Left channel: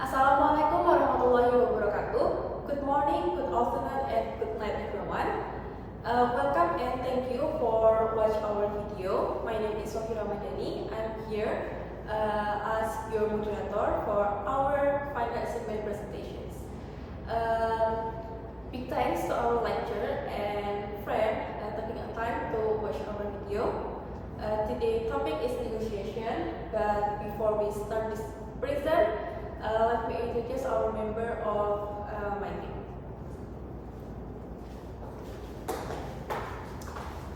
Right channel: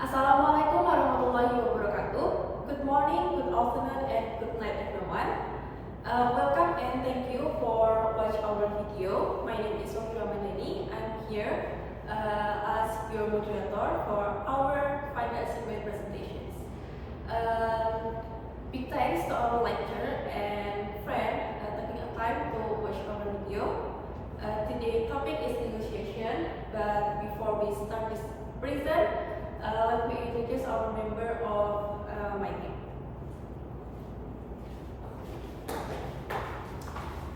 Assalamualaikum warahmatullahi wabarakatuh. Good morning, good afternoon, and good night everyone. Welcome and thank you for watching our video. My name is Sofi Ramadhani. I'm here as your moderator for our final assembly presentations. Big thanks to our lecturer and friend taking a time to watch our video. Today's topic is negotiation, but before we start this present, let me introduce our member of my team.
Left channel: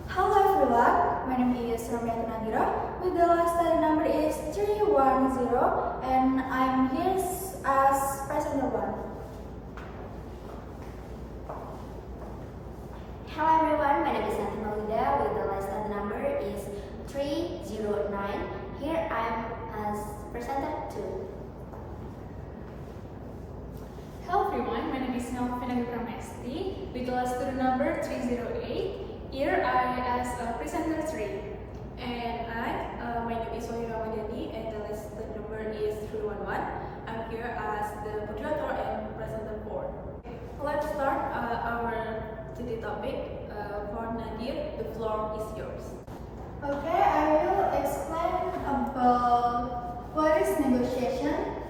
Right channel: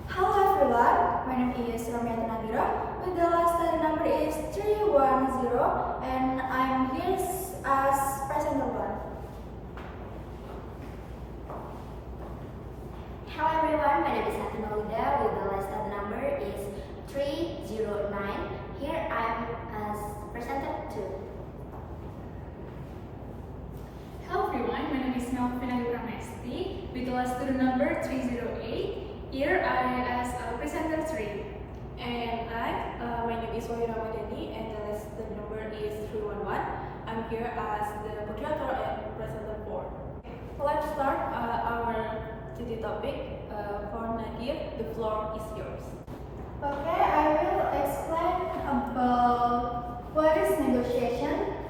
Hello everyone, my name is Romiatun Nadira. With the last study number is 310, and I'm here as presenter 1. Hello everyone, my name is Fatima Wida. With the last study number is 309. Here I am as presenter 2. Hello everyone, my name is Melvina Pramesti. With the last student number 308, here I as a presenter 3. And my name is Sofi Ramadhani, and the last number is 311. I'm here as the moderator and presenter 4. Let's start our today topic. For Nadir, the floor is yours. Okay, I will explain about what is negotiation.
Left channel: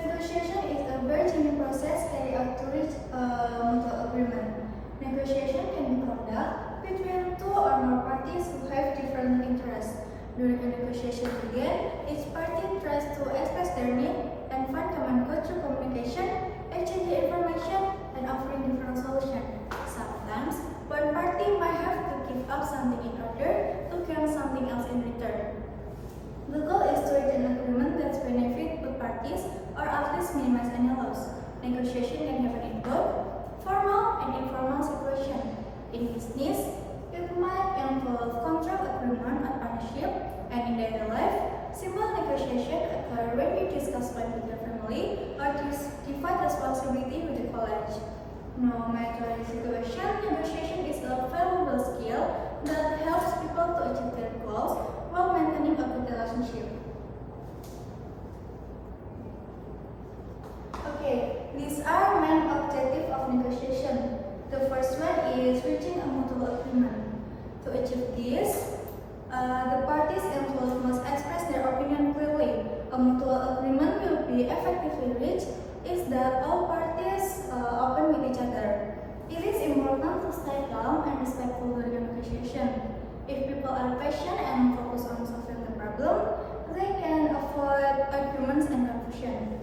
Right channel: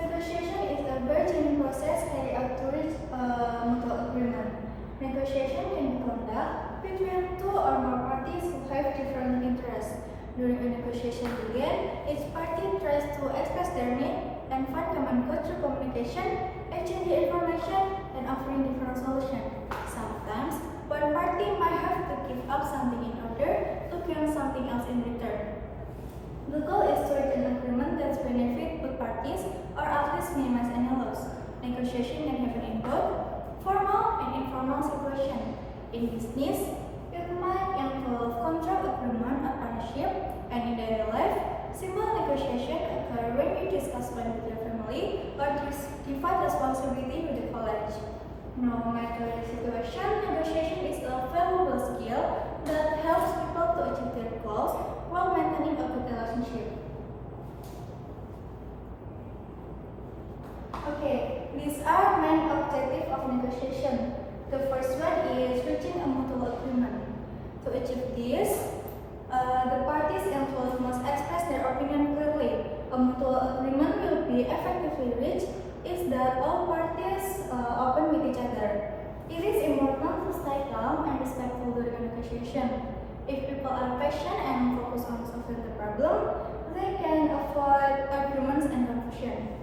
Negotiation is a bargaining process carried out to reach a mutual agreement. Negotiation can be conducted between two or more parties who have different interests. During a negotiation begin, each party tries to express their need and find common goal through communication, exchanging information, and offering different solutions. Sometimes, one party might have to give up something in order to gain something else in return. The goal is to reach an agreement that benefits both parties or at least minimize any loss. Negotiation can happen in both formal and informal situations. In business, it might involve contract agreement or partnership, and in daily life, simple negotiation occur when you discuss plans with your family or divide responsibility with your colleagues. No matter the situation, negotiation is a valuable skill that helps people to achieve their goals while maintaining a good relationship. Okay, these are main objectives of negotiation. The first one is reaching a mutual agreement. To achieve this, the parties involved must express their opinion clearly. A mutual agreement will be effectively reached is that all parties open with each other. It is important to stay calm and respectful during a negotiation. If people are patient and focus on solving the problem, they can avoid arguments and confusion.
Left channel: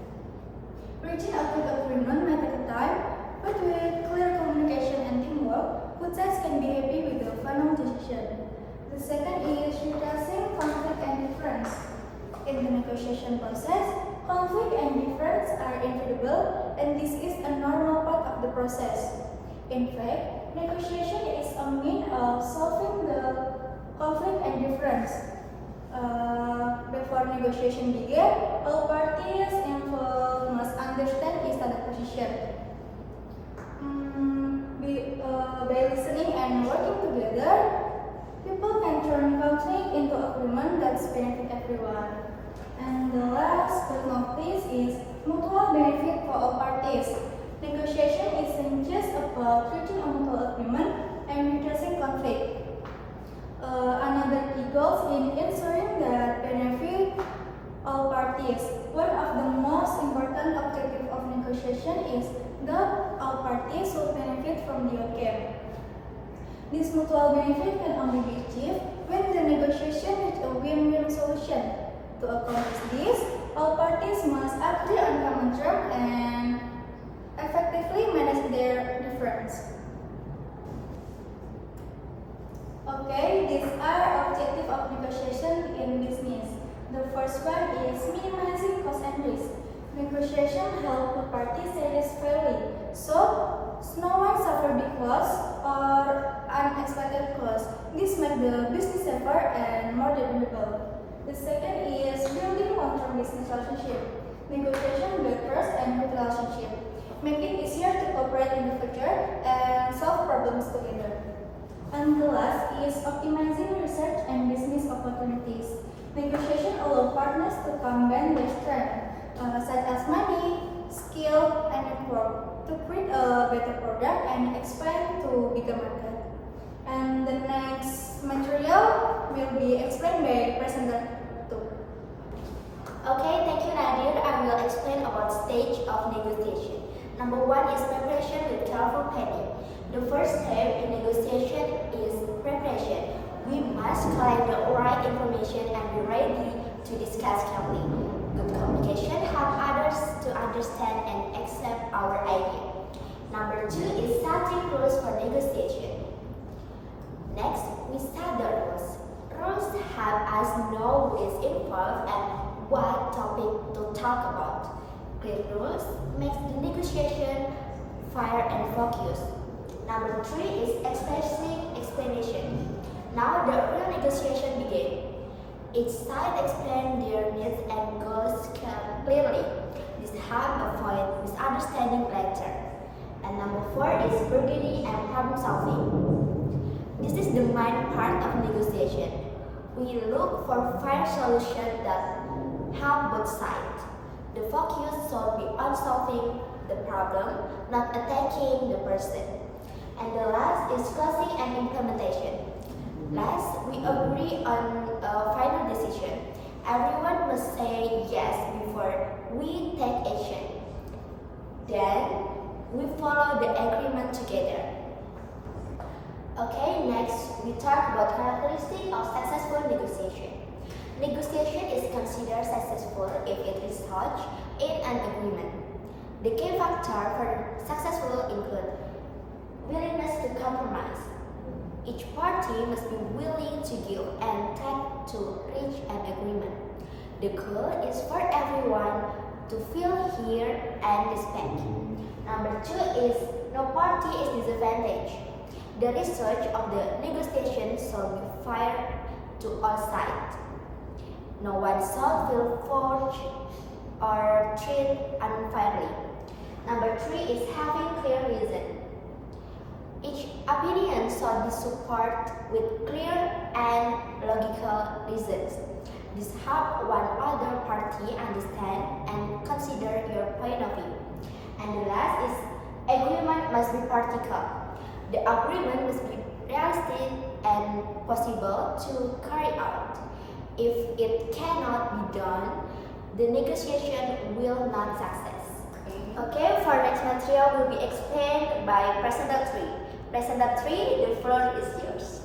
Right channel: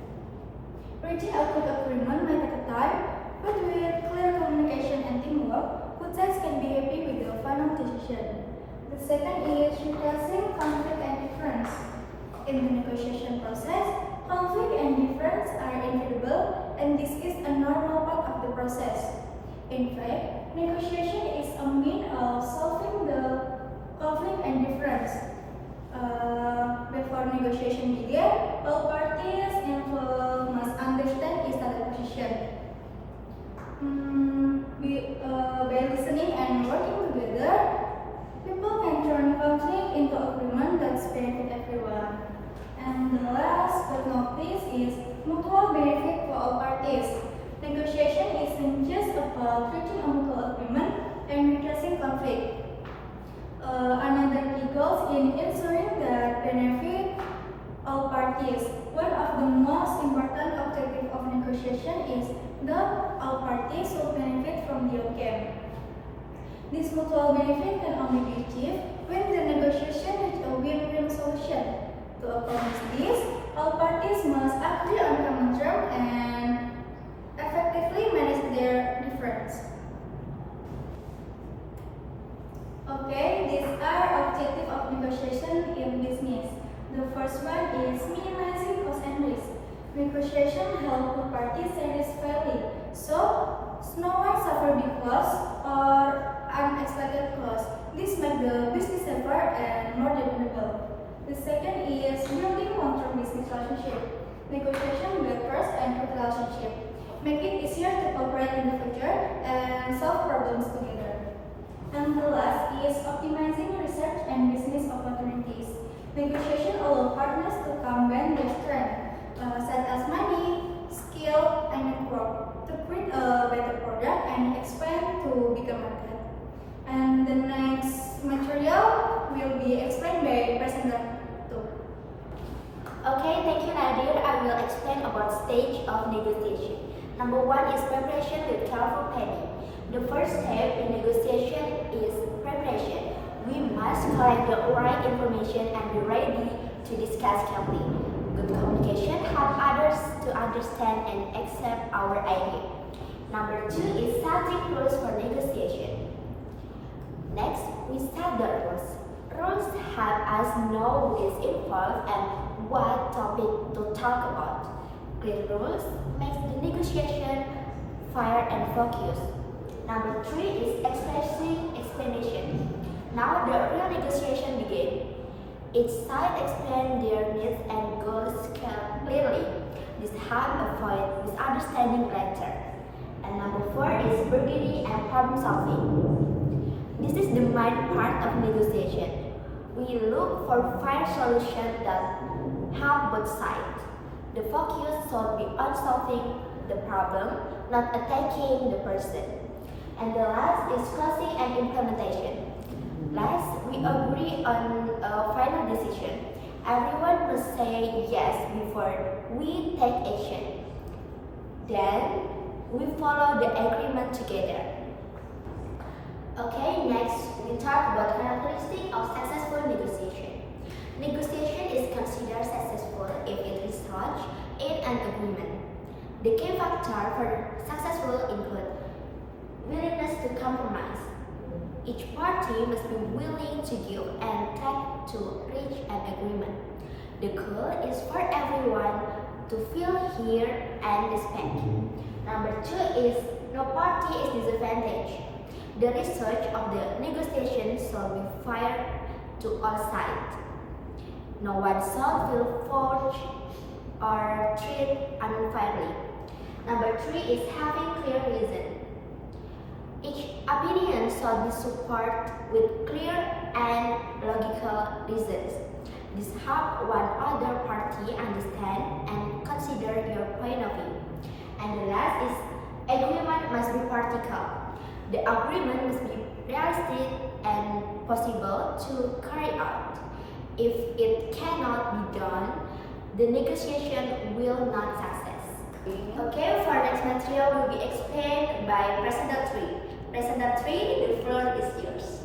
Reaching a good agreement may take time, but with clear communication and teamwork, both sides can be happy with the final decision. The second is reducing conflict and difference. In the negotiation process, conflict and difference are inevitable, and this is a normal part of the process. In fact, negotiation is a means of solving the conflict and difference. Before negotiation begin, all parties involved must understand each other's position. By listening and working together, people can turn conflict into agreement that benefit everyone. And the last but not least is mutual benefit for all parties. Negotiation isn't just about reaching a mutual agreement and reducing conflict. Another key goal in ensuring that benefit all parties. One of the most important objectives of negotiation is that all parties will benefit from the outcome. This mutual benefit can only be achieved when the negotiation reaches a win-win solution. To accomplish this, all parties must agree on common terms and effectively manage their difference. Okay, these are objectives of negotiation in business. The first one is minimizing cost and risk. Negotiation helps the parties satisfactorily, so no one suffers big loss or unexpected costs. This makes the business safer and more dependable. The second is building long-term business relationship. Negotiation builds trust and good relationship. Make it easier to cooperate in the future and solve problems together. And the last is optimizing research and business opportunities. Negotiation allows partners to combine their strengths, such as money, to create a better product and expand to bigger market. And the next material will be explained by presenter 2. Okay, thank you Nadir. I will explain about stage of negotiation. Number 1 is preparation with careful planning. The first step in negotiation is preparation. We must collect the right information and be ready to discuss carefully. Good communication helps others to understand and accept our idea. Number 2 is setting rules for negotiation. Next, we set the rules. Rules help us know who is involved and what topic to talk about. Clear rules makes the negotiation fair and focused. Number 3 is expressing explanation. Now the real negotiation begins. Each side explains their needs and goals clearly. This helps avoid misunderstanding later. And number 4 is bargaining and problem solving. This is the main part of negotiation. We look for fair solutions that help both sides. The focus should be on solving the problem, not attacking the person. And the last is closing and implementation. Last, we agree on a final decision. Everyone must say yes before we take action. Then, we follow the agreement together. Okay, next we talk about characteristics of successful negotiation. Negotiation is considered successful if it results in an agreement. The key factor for successful include willingness to compromise. Each party must be willing to give and take to reach an agreement. The goal is for everyone to feel heard and respected. Number 2 is no party is disadvantaged. The result of the negotiation shall be fair to all sides. No one shall feel forced or treated unfairly. Number 3 is having clear reason. Each opinion shall be supported with clear and logical reasons. This helps one other party understand and consider your point of view. And the last is agreement must be practical. The agreement must be realistic and possible to carry out. If it cannot be done, the negotiation will not success. Okay, for next material will be explained by presenter 3. Presenter 3, the floor is yours.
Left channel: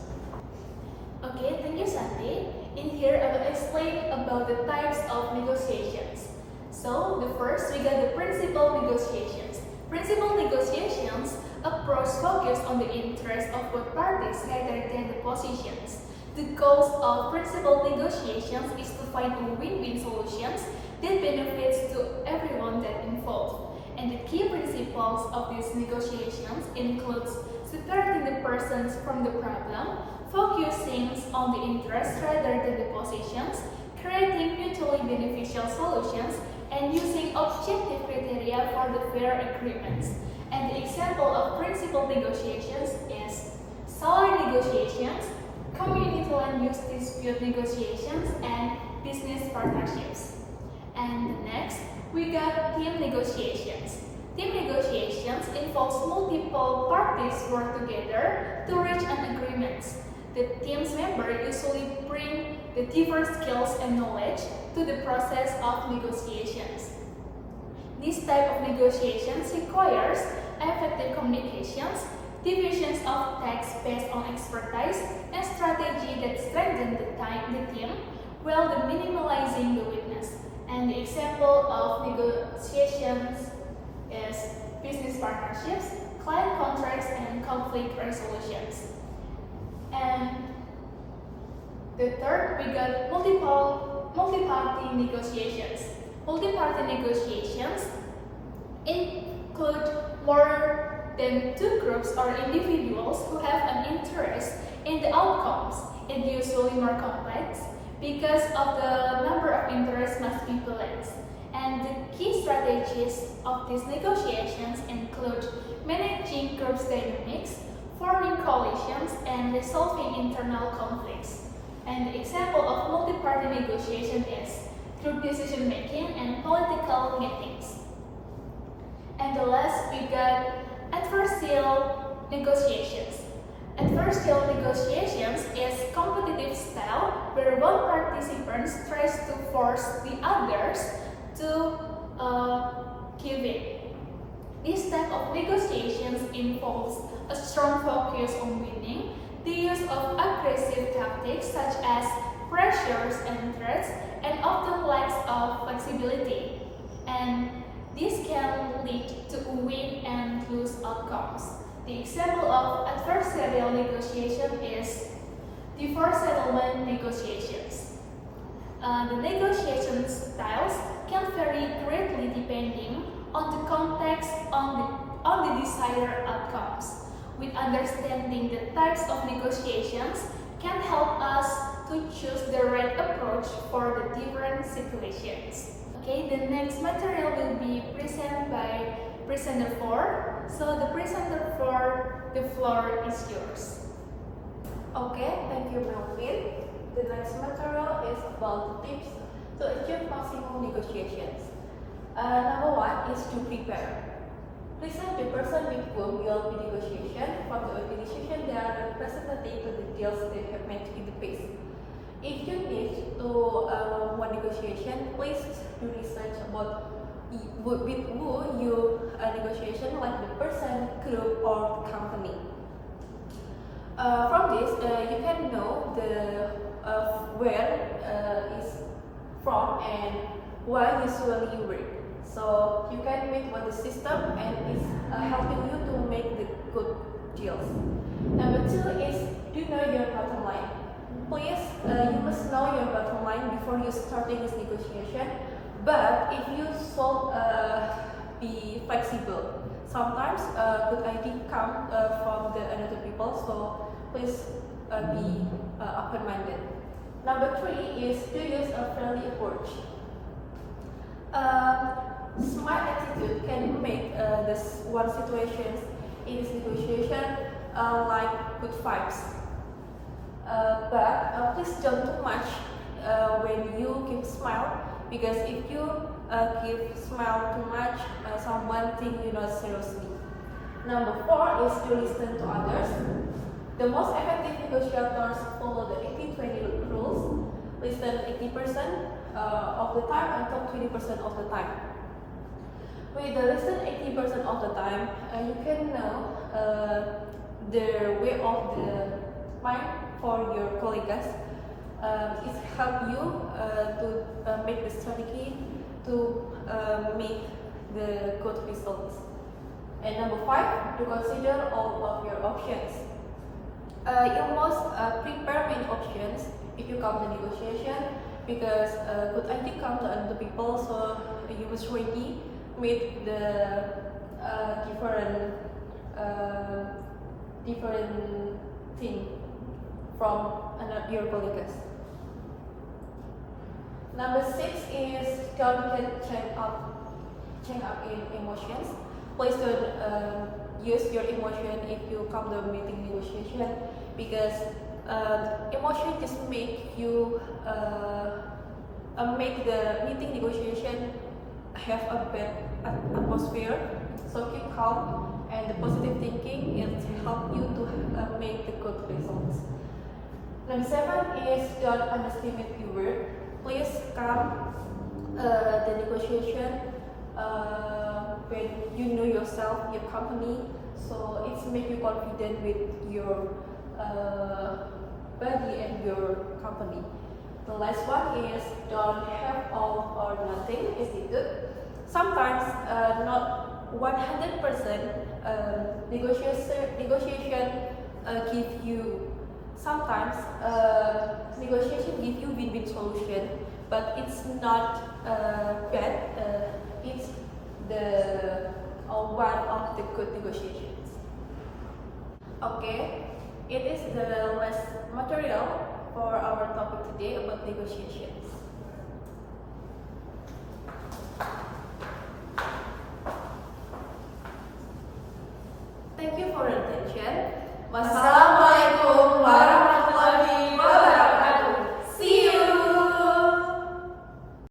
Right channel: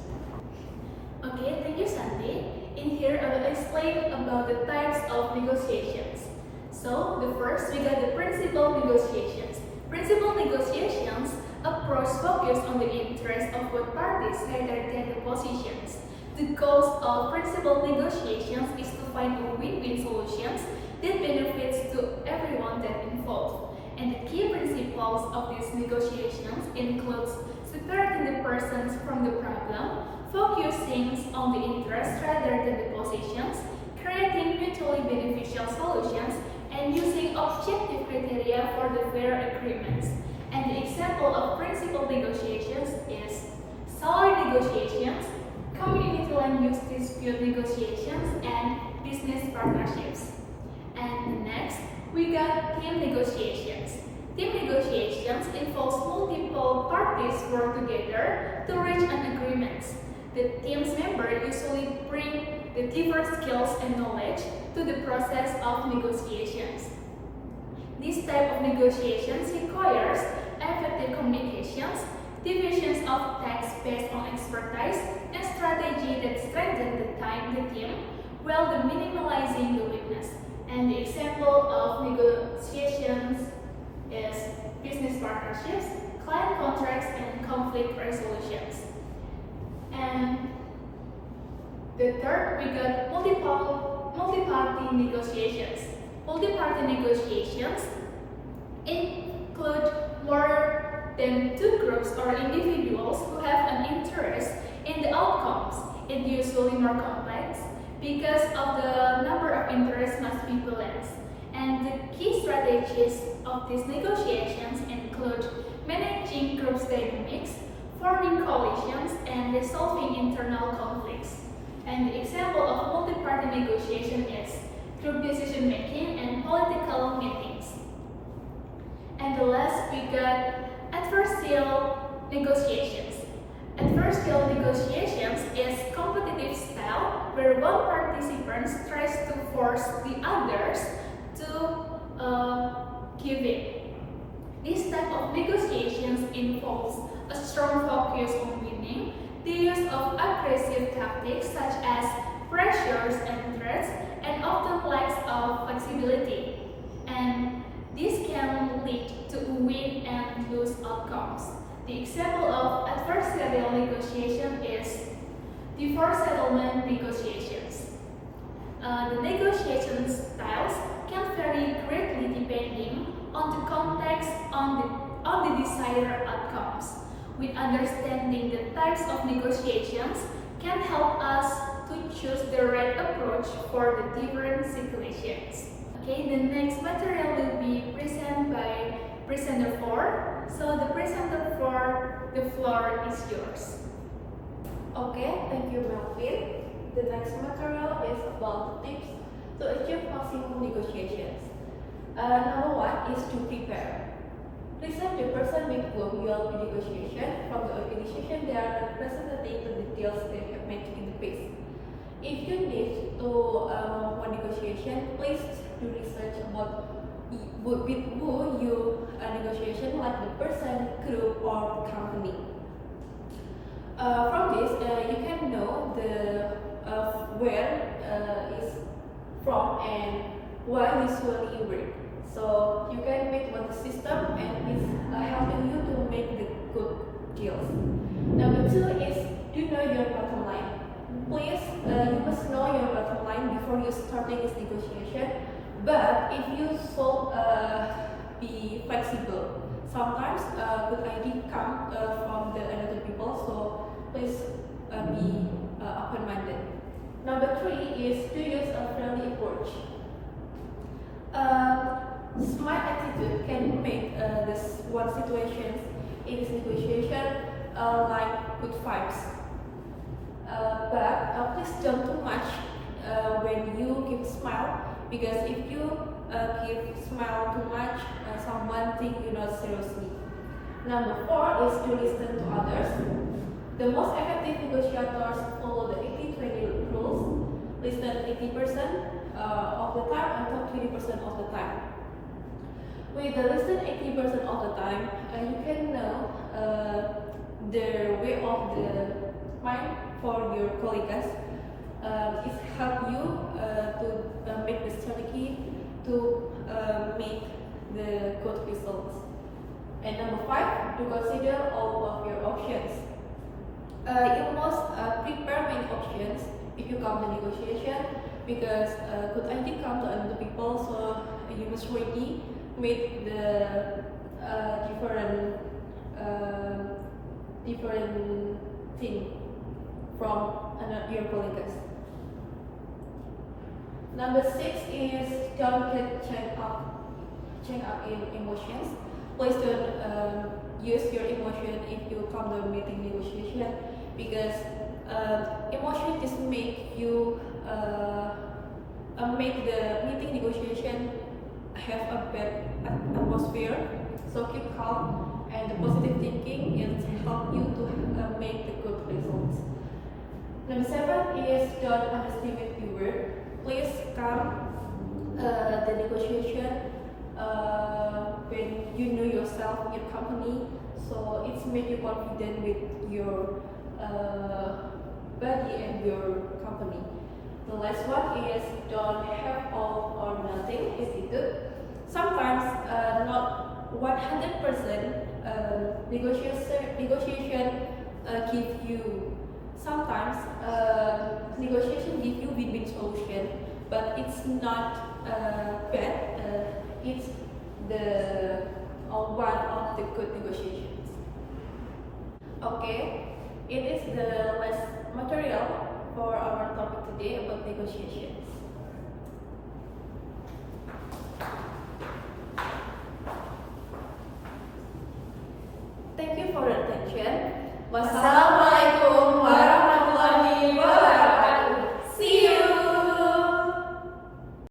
Okay, thank you Santi. In here I will explain about the types of negotiations. So, the first we got the principal negotiations. Principal negotiations approach focus on the interest of both parties rather the positions. The goals of principal negotiations is to find a win-win solutions that benefits to everyone that involved. And the key principles of these negotiations includes separating the persons from the problem, focusing on the interest rather than the positions, creating mutually beneficial solutions, and using objective criteria for the fair agreements. And the example of principal negotiations is salary negotiations, community land use dispute negotiations, and business partnerships. And next, we got team negotiations. Team negotiations involves multiple parties work together to reach an agreement. The team's members usually bring the diverse skills and knowledge to the process of negotiations. This type of negotiations requires effective communications, divisions of tasks based on expertise, and strategy that strengthen the team while minimizing the weakness. And the example of negotiations is business partnerships, client contracts, and conflict resolutions. And the third, we got multi-party negotiations. Multi-party negotiations include more than two groups or individuals who have an interest in the outcomes, and usually more complex because of the number of interests must be balanced. And the key strategies of these negotiations include managing group dynamics, forming coalitions, and resolving internal conflicts. And the example of multi-party negotiation is group decision making and political meetings. And And the last, we got adversarial negotiations. Adversarial negotiations is competitive style where one participant tries to force the others to give in. This type of negotiations involves a strong focus on winning, the use of aggressive tactics such as pressures and threats, and often lacks of flexibility. And this can lead to win and lose outcomes. The example of adversarial negotiation is divorce settlement negotiations. The negotiation styles can vary greatly depending on the context on the desired outcomes. With understanding the types of negotiations can help us to choose the right approach for the different situations. Okay, the next material will be presented by presenter 4. So the presenter 4, the floor is yours. Okay, thank you, Melvin. The next material is about tips to achieve maximum negotiations. Number 1 is to prepare. Listen the person with whom you will be negotiation. From the organization, they are representing the details they have made in the past. If you need to one negotiation, please do research about with who you negotiation, like the person, group, or company. From this, you can know the where is from and why usually work. So you can make what the system and is helping you to make the good deals. Number 2 is you know your bottom line. Please, you must know your bottom line before you starting this negotiation. But if you should be flexible, sometimes good idea come from the another people. So please be open-minded. Number 3 is to use a friendly approach. Smart attitude can make this one situation in this negotiation like good vibes. But please don't too much when you keep smile, because if you keep smile too much, someone think you not seriously. Number 4 is to listen to others. The most effective negotiators follow the 80-20 rules. Listen 80% of the time and talk 20% of the time. With the listen 80% of the time, you can know the way of the mind for your colleagues. It helps you to make the strategy to make the good results. And number 5, to consider all of your options. You must prepare many options if you come to negotiation, because good idea come to another people, so you must ready with the different thing from your colleagues. Number 6 is don't get chained up in emotions. Please don't use your emotion if you come to a meeting negotiation, because emotion just make you make the meeting negotiation have a bad atmosphere. So keep calm, and the positive thinking is help you to make the good results. Number 7 is don't underestimate your word. Please come the negotiation when you know yourself, your company, so it's make you confident with your body and your company. The last one is don't have all or nothing attitude. Sometimes not 100% negotiation give you. Sometimes negotiation give you win-win solution, but it's not bad. It's the one of the good negotiations. Okay, it is the last material for our topic today about negotiations. Thank you for your attention. Wassalamualaikum warahmatullahi wabarakatuh.